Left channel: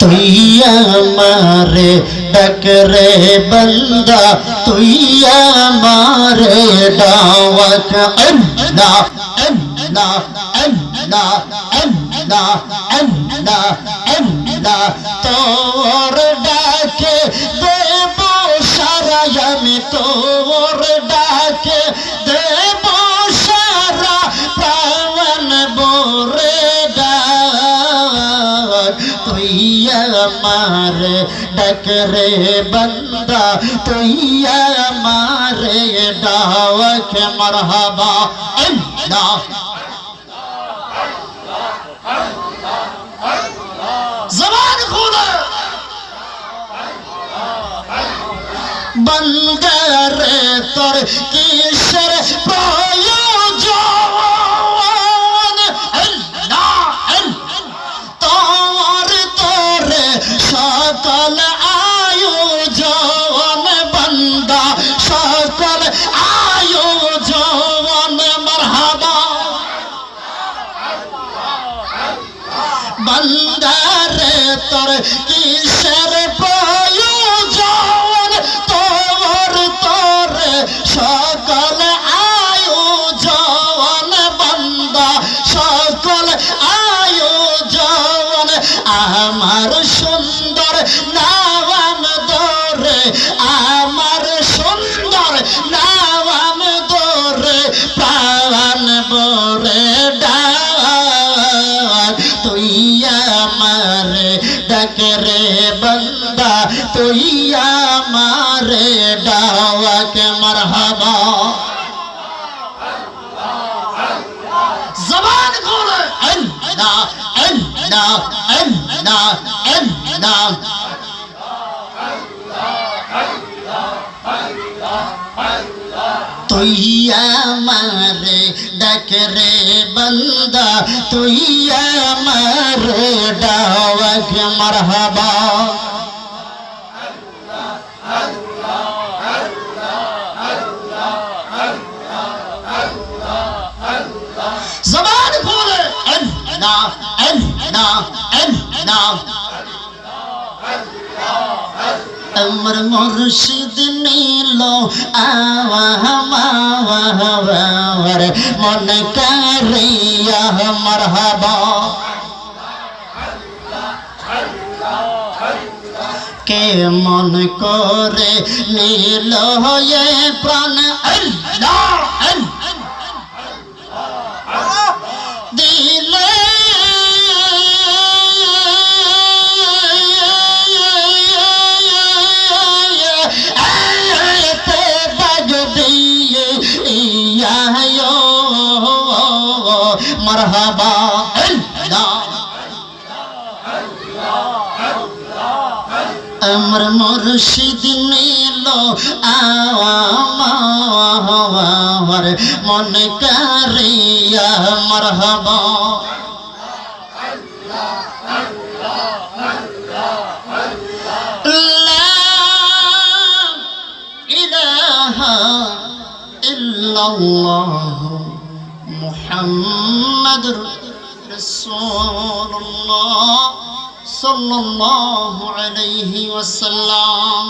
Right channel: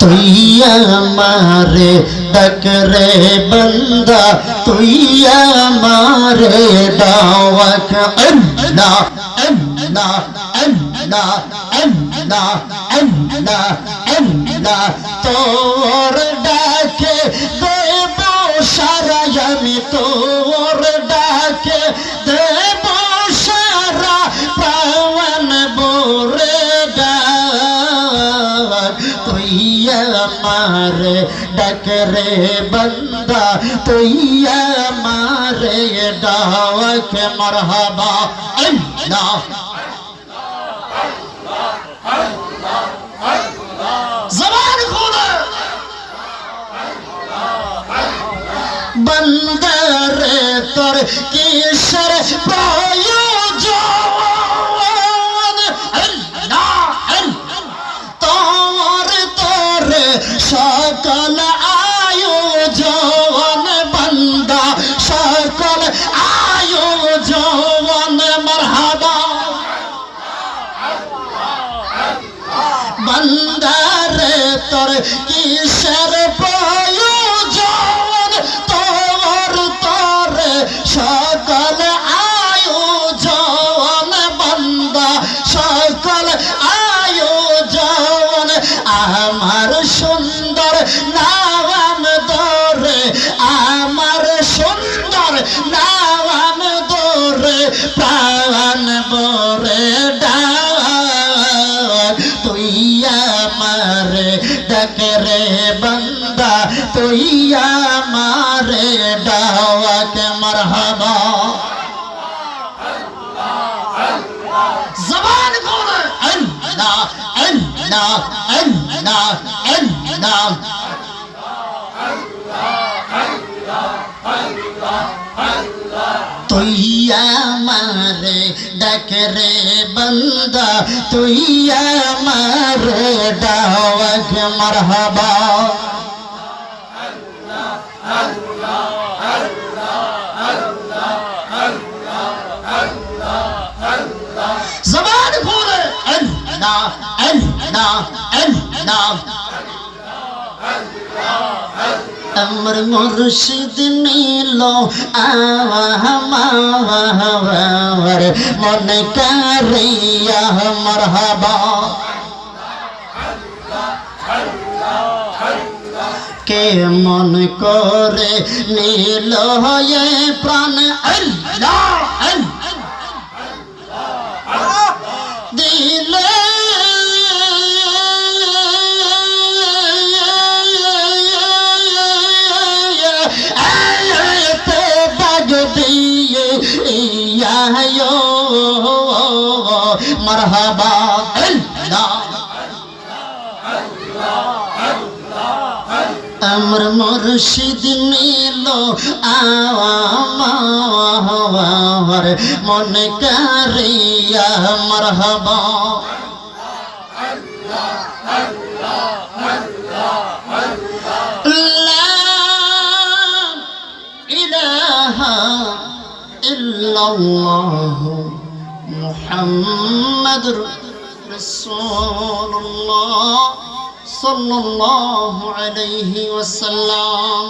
তুই আমারে ডাক রে বান্দা, তুই আমারে ডাক। আল্লাহ আল্লাহ আল্লাহ আল্লাহ আল্লাহ আল্লাহ, তোর ডাকে দেব সারা, আমি তোর ডাকে দেব সারা, প্রাণ ভরে ডাক। তুই আমারে ডাক রে বান্দা, তুই আমারে ডাক। মারহাবা আল্লাহ জবান খুলে বান্দা রে তোর কিসের প্রয়োজন? আল্লাহ তোর তোরে সকল আয়োজন, বান্দা সকল আয়োজন। মারহাবা বান্দা রে তোর কিসের প্রয়োজন? তোর তোরে সকল আয়োজন, বান্দা সকল আয়োজন। আমার সুন্দর নাম ধরে, আমার সুন্দর নাম ধরে, প্রাণ ভরে ডাক। তুই আমারে ডাক রে বান্দা, তুই আমারে ডাক। মারহাবা জবান খুলে আল্লাহ আল্লাহ আল্লাহ আল্লাহ। তুই আমারে ডাক রে বান্দা, তুই আমারে ডাক। মারহাবা জবান খুলে আল্লাহ আল্লাহ আল্লাহ। আমার মুর্শিদ নীল আমার মন কারিয়া। মারহাবা কে মন করে নীল হয়ে প্রাণ আল্লাহ দিলে মারহাবা আল্লাহ। আমার মুর্শিদ নীল আমার মন কারিয়া। মারহাবা লা ইলাহা ইল্লাল্লাহ মুহাম্মাদুর রাসূলুল্লাহ সাল্লাল্লাহু আলাইহি ওয়াসাল্লাম।